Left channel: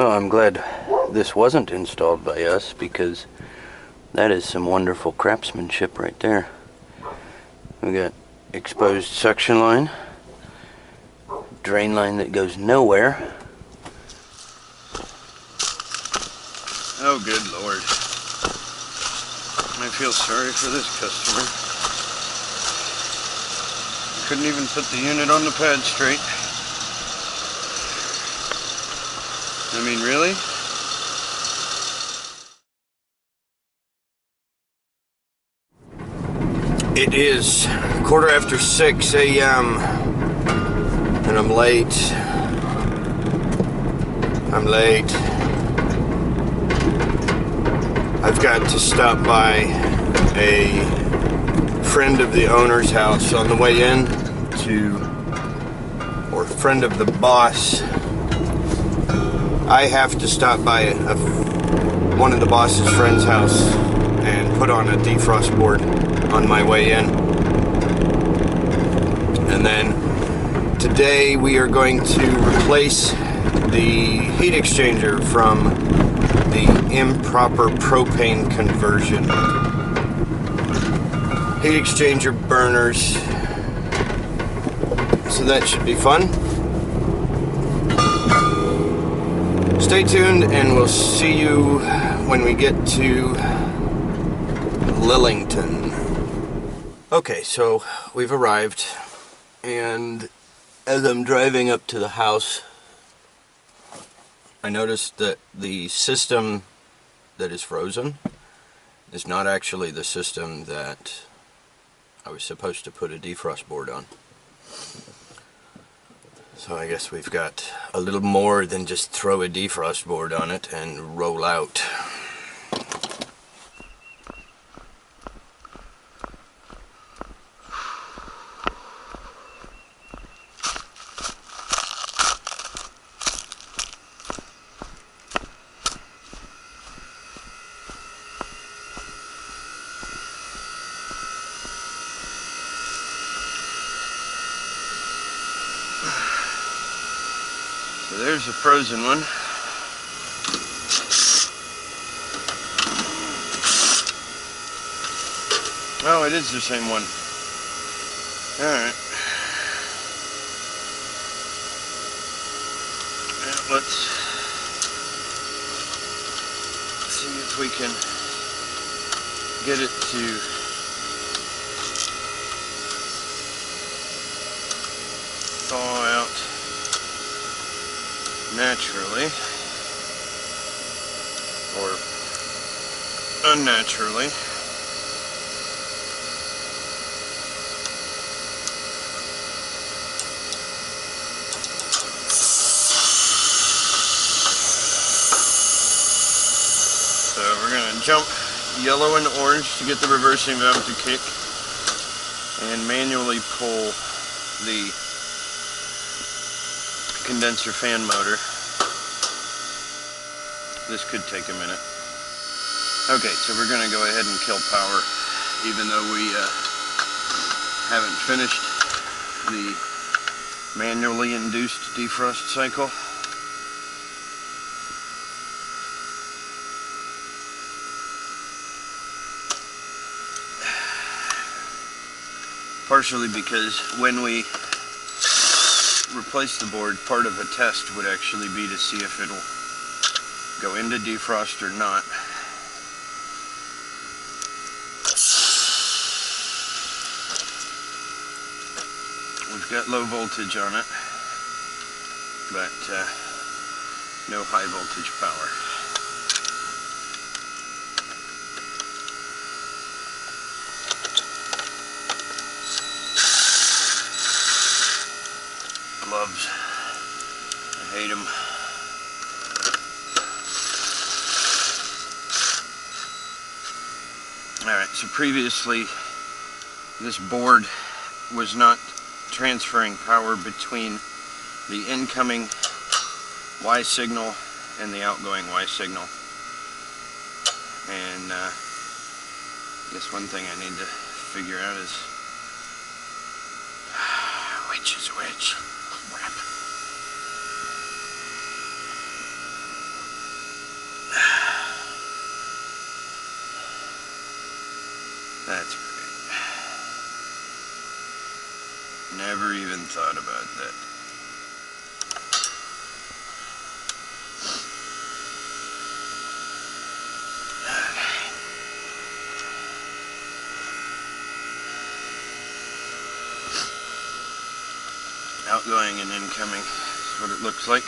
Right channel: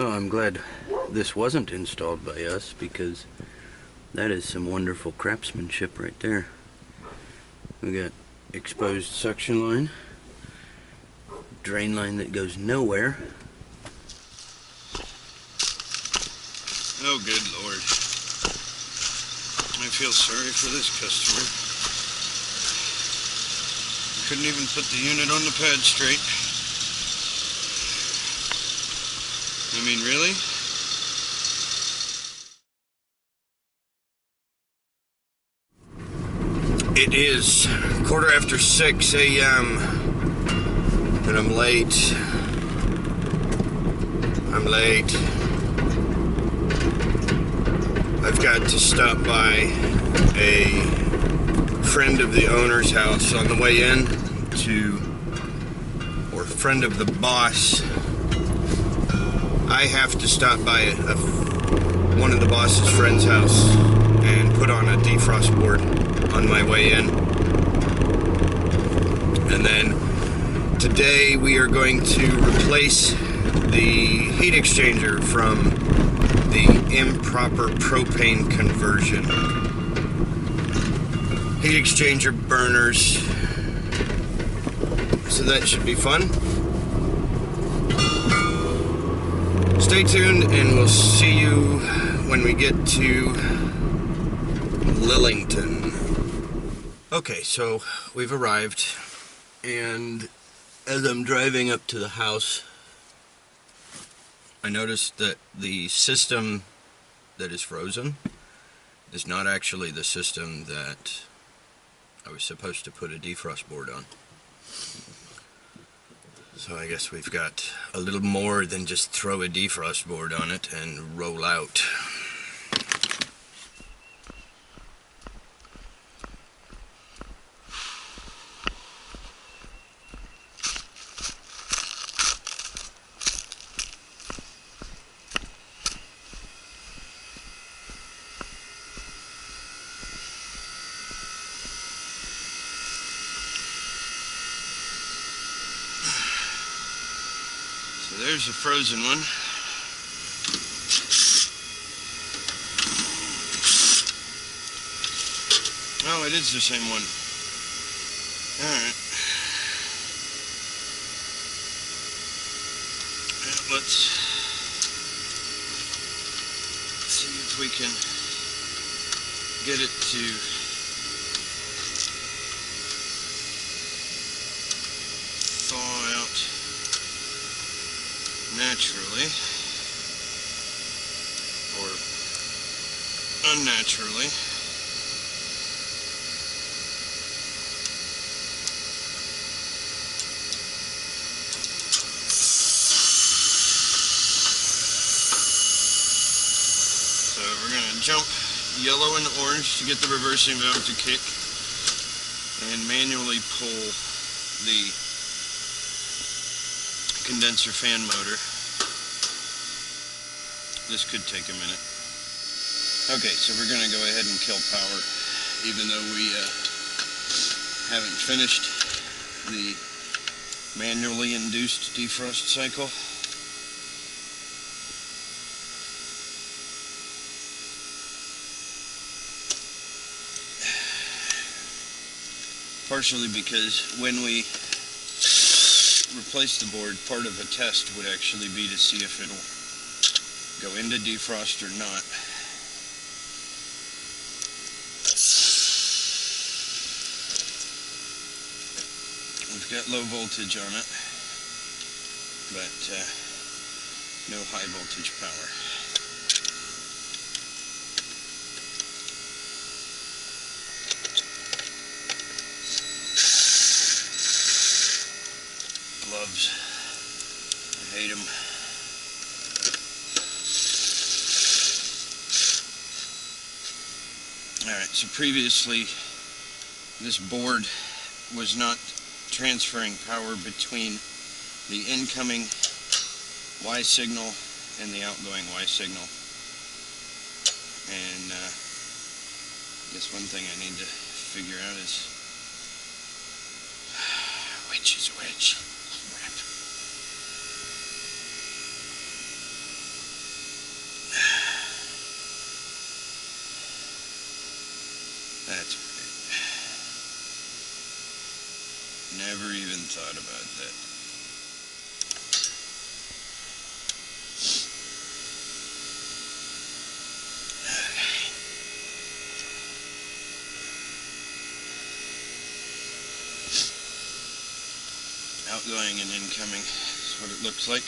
Well, I'm glad this wasn't installed by us, because that is some wonderful craftsmanship right there. We got exposed suction line, drain line that goes nowhere. Oh, good Lord. I feel sorry for this customer. Couldn't even put the unit on the pad straight. I mean, really? It is 6:15 a.m. and I'm late. I've got to stop by a friend of the owner's house on the way in or friend of the boss. I have to stop by one of the boss's friend's house and put on a defrost board on my way in. And then today we are going to replace the heat exchanger from the improper propane conversion. Heat exchanger burners. So that should be fun. Stay tuned and we'll see you when we get to Lillington. Okay, so we've arrived, and as I'm driving up to the house, I noticed that the system that is frozen is not actually the system that I was supposed to put a defrost board on. So I guess we've got a little more than just throw a defrost board on it and roll out. So there's a frozen one. Oh, it is the same one. Alright. Let's see if we can get it to thaw out naturally or unnaturally. So we're going to jump yellow and orange to get the reversing valve to kick and manually pull the condenser fan motor. This could take a minute. Okay, so we're going to go ahead and kill power, even though we haven't finished the manually induced defrost cycle. Partially because when we replace the board, part of a test would actually be to see if it'll go into defrost or not. We've got low voltage on it, but no high voltage power. Gloves. I hate them. Alright, so previously this board was not transferring power between the incoming Y signal and the outgoing Y signal. And I guess one thing I need to figure out is which is which. Crap. Never even thought about that. Outgoing and incoming is what it looks like.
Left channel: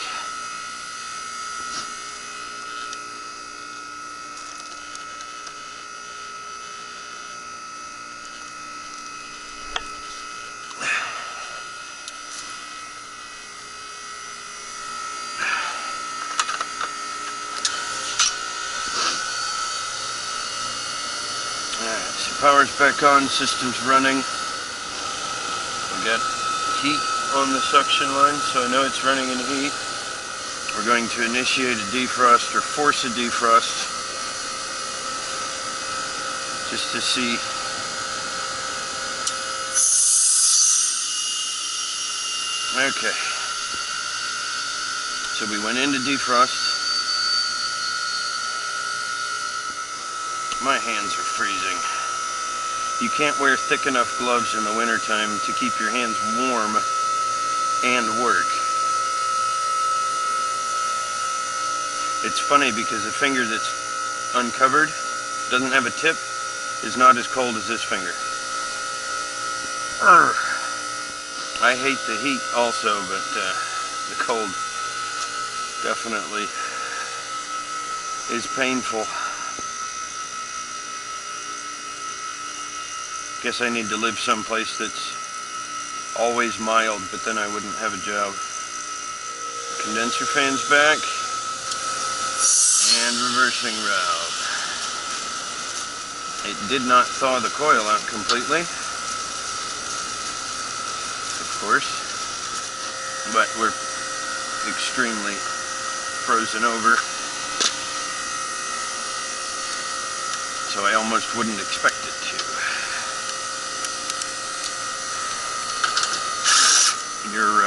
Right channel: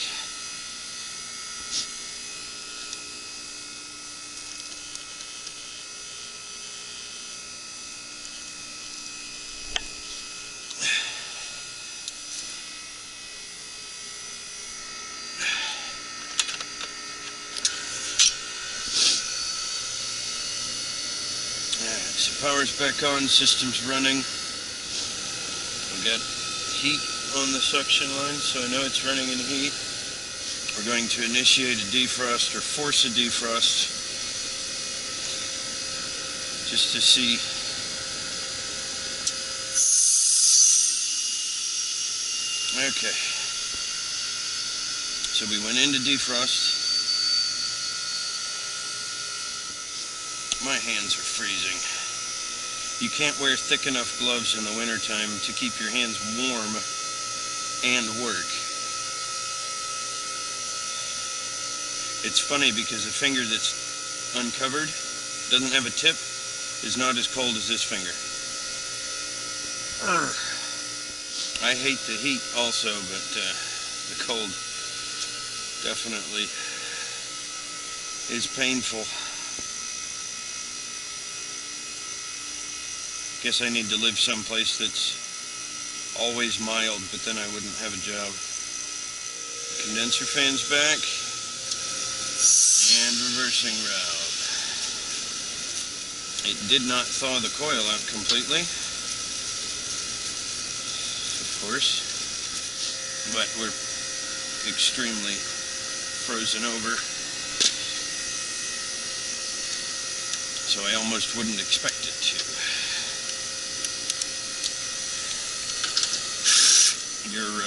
Alright, so power's back on, system's running. We got heat on the suction line, so I know it's running in heat. We're going to initiate a defrost or force a defrost just to see. Okay, so we went into defrost. My hands are freezing. You can't wear thick enough gloves in the wintertime to keep your hands warm and work. It's funny because a finger that's uncovered, doesn't have a tip, is not as cold as this finger. Urgh. I hate the heat also, but the cold definitely is painful. Guess I need to live someplace that's always mild, but then I wouldn't have a job. Condenser fan's back. And reversing valve. It did not thaw the coil out completely, of course, but we're extremely frozen over, so I almost wouldn't expect it to. Your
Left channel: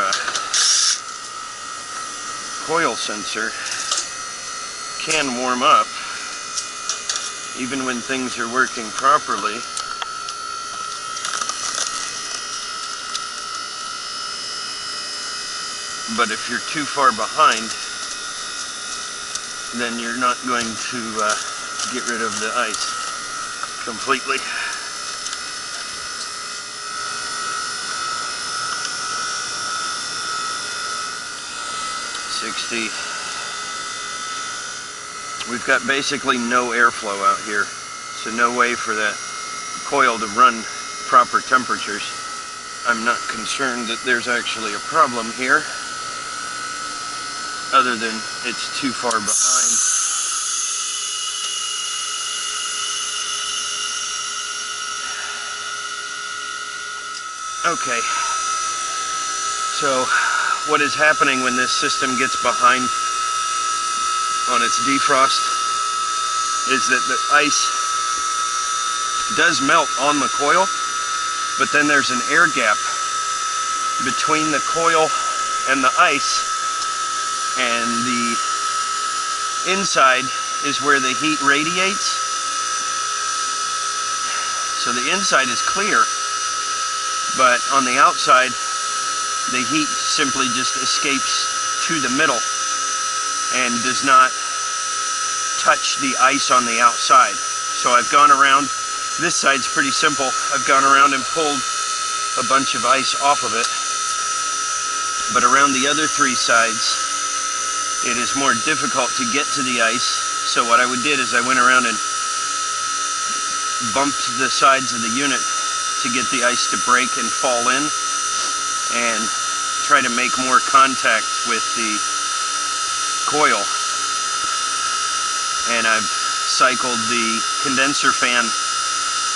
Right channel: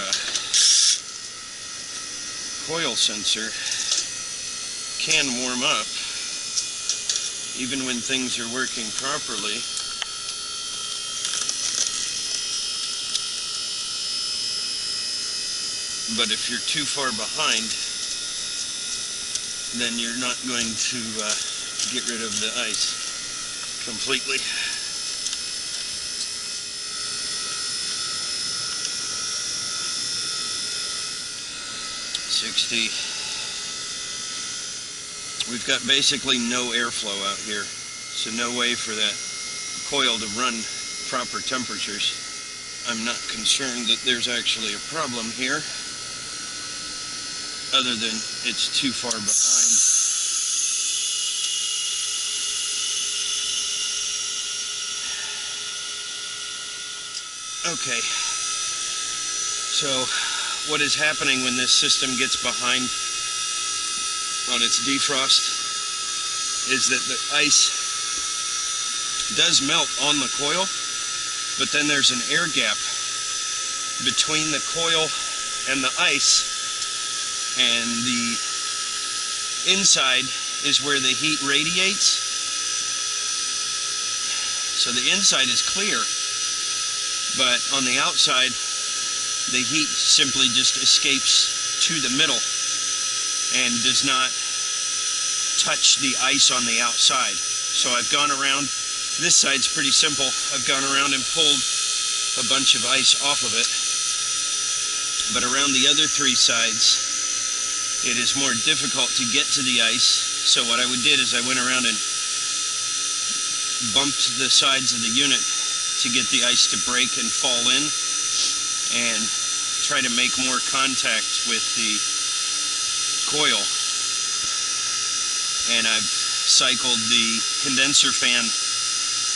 coil sensor can warm up even when things are working properly. But if you're too far behind, then you're not going to get rid of the ice completely. We've got basically no airflow out here, so no way for that coil to run proper temperatures. I'm not concerned that there's actually a problem here, other than it's too far behind. Okay, so what is happening when this system gets behind on its defrost is that the ice does melt on the coil, but then there's an air gap between the coil and the ice, and the inside is where the heat radiates. So the inside is clear, but on the outside the heat simply just escapes to the middle and does not touch the ice on the outside. So I've gone around, this side's pretty simple, I've gone around and pulled a bunch of ice off of it, but around the other three sides it is more difficult to get to the ice. So what I did is I went around and bumped the sides of the unit to get the ice to break and fall in, and try to make more contact with the coil. And I've cycled the condenser fan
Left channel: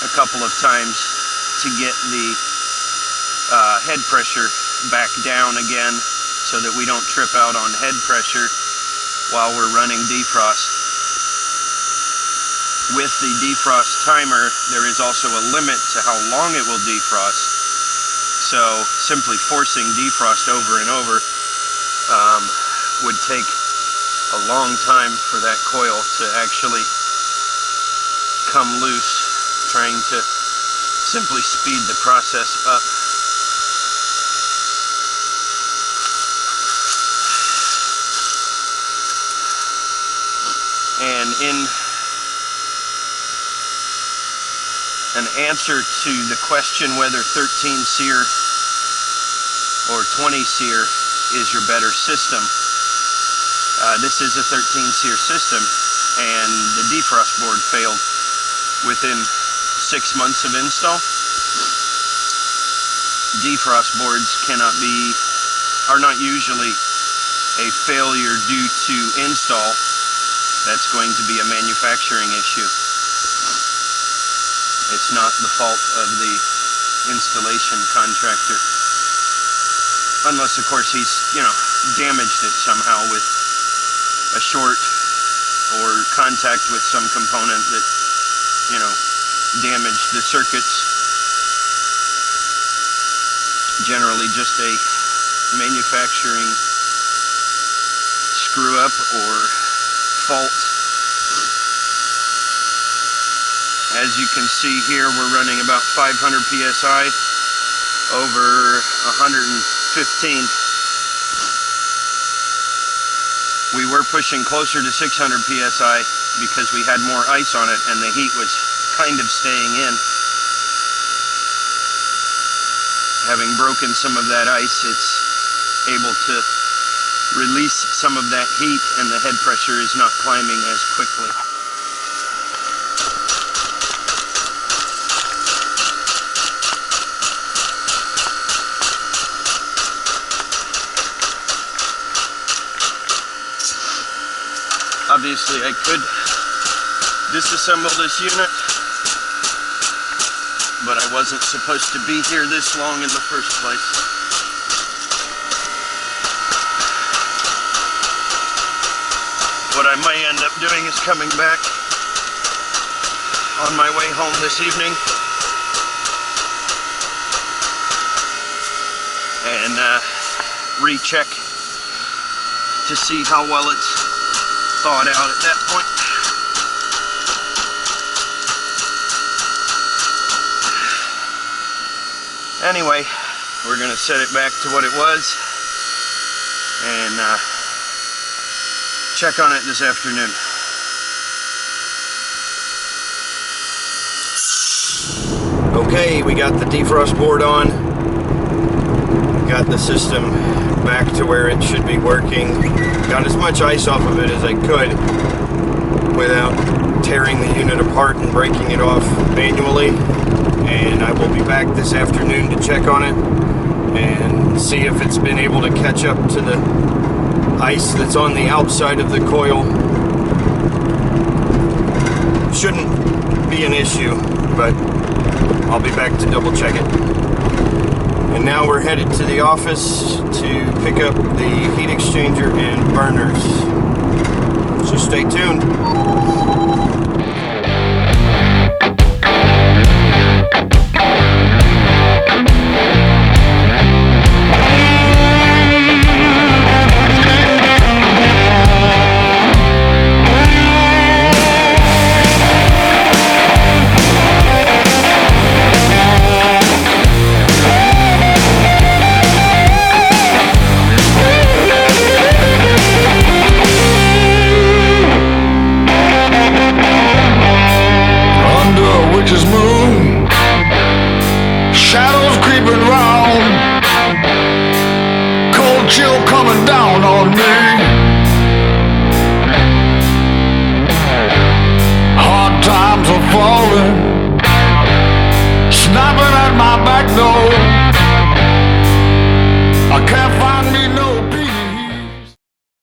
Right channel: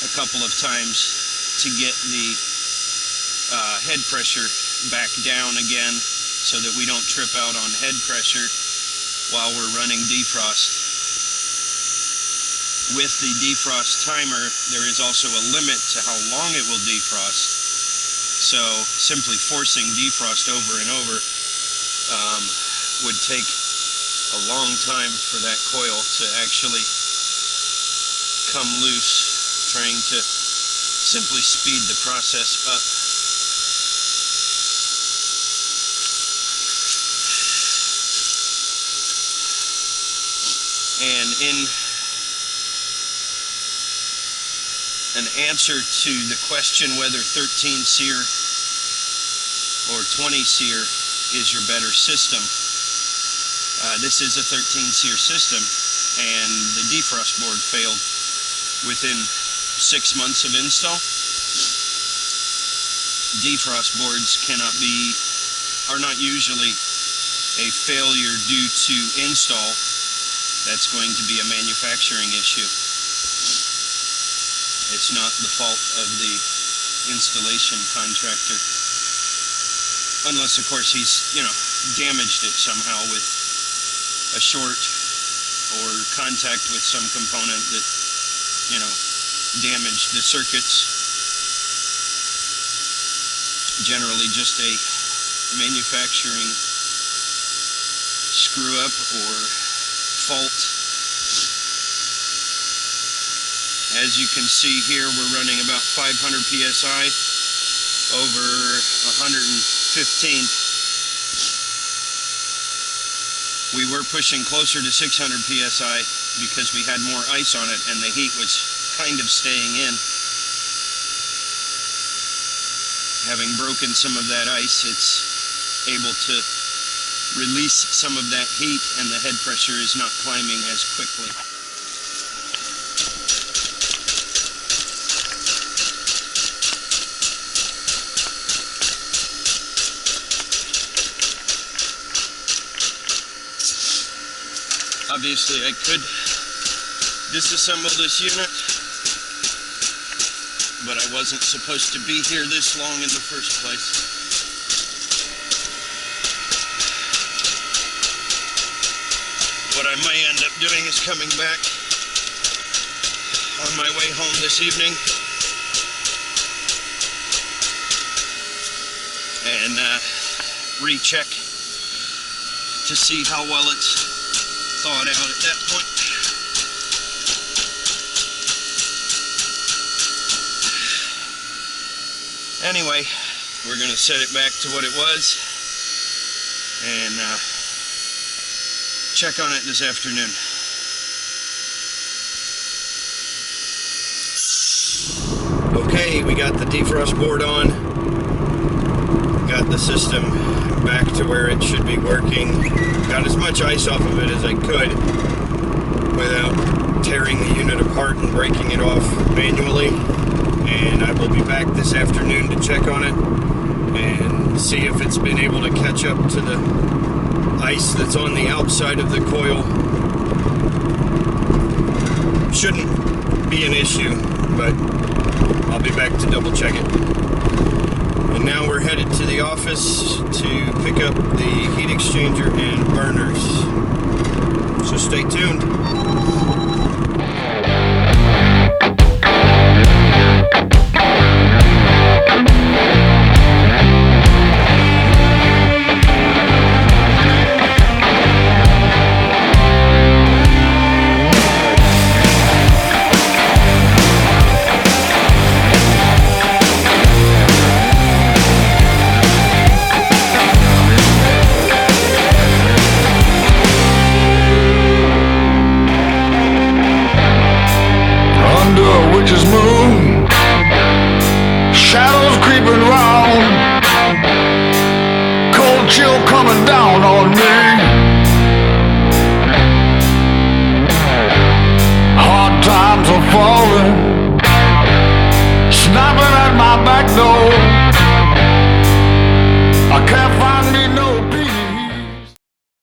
a couple of times to get the head pressure back down again, so that we don't trip out on head pressure while we're running defrost. With the defrost timer, there is also a limit to how long it will defrost. So simply forcing defrost over and over would take a long time for that coil to actually come loose, trying to simply speed the process up. And in an answer to the question whether 13 SEER or 20 SEER is your better system, this is a 13 SEER system, and the defrost board failed within 6 months of install. Defrost boards are not usually a failure due to install. That's going to be a manufacturing issue. It's not the fault of the installation contractor. Unless, of course, he's, damaged it somehow with a short or contact with some component that, damaged the circuits. Generally just a manufacturing screw up or fault. As you can see here, we're running about 500 psi over 115. We were pushing closer to 600 psi because we had more ice on it and the heat was kind of staying in. Having broken some of that ice, it's able to release some of that heat and the head pressure is not climbing as quickly. Obviously, I could disassemble this unit, but I wasn't supposed to be here this long in the first place. What I may end up doing is coming back on my way home this evening and recheck to see how well it's thawed out at that point. Anyway, we're going to set it back to what it was and check on it this afternoon. Okay, we got the defrost board on. Got the system back to where it should be working. Got as much ice off of it as I could without tearing the unit apart and breaking it off manually. And I will be back this afternoon to check on it and see if it's been able to catch up to the ice that's on the outside of the coil. Shouldn't be an issue, but I'll be back to double check it. And now we're headed to the office to pick up the heat exchanger and burners. So stay tuned. Chill coming down on me. Hard times are falling.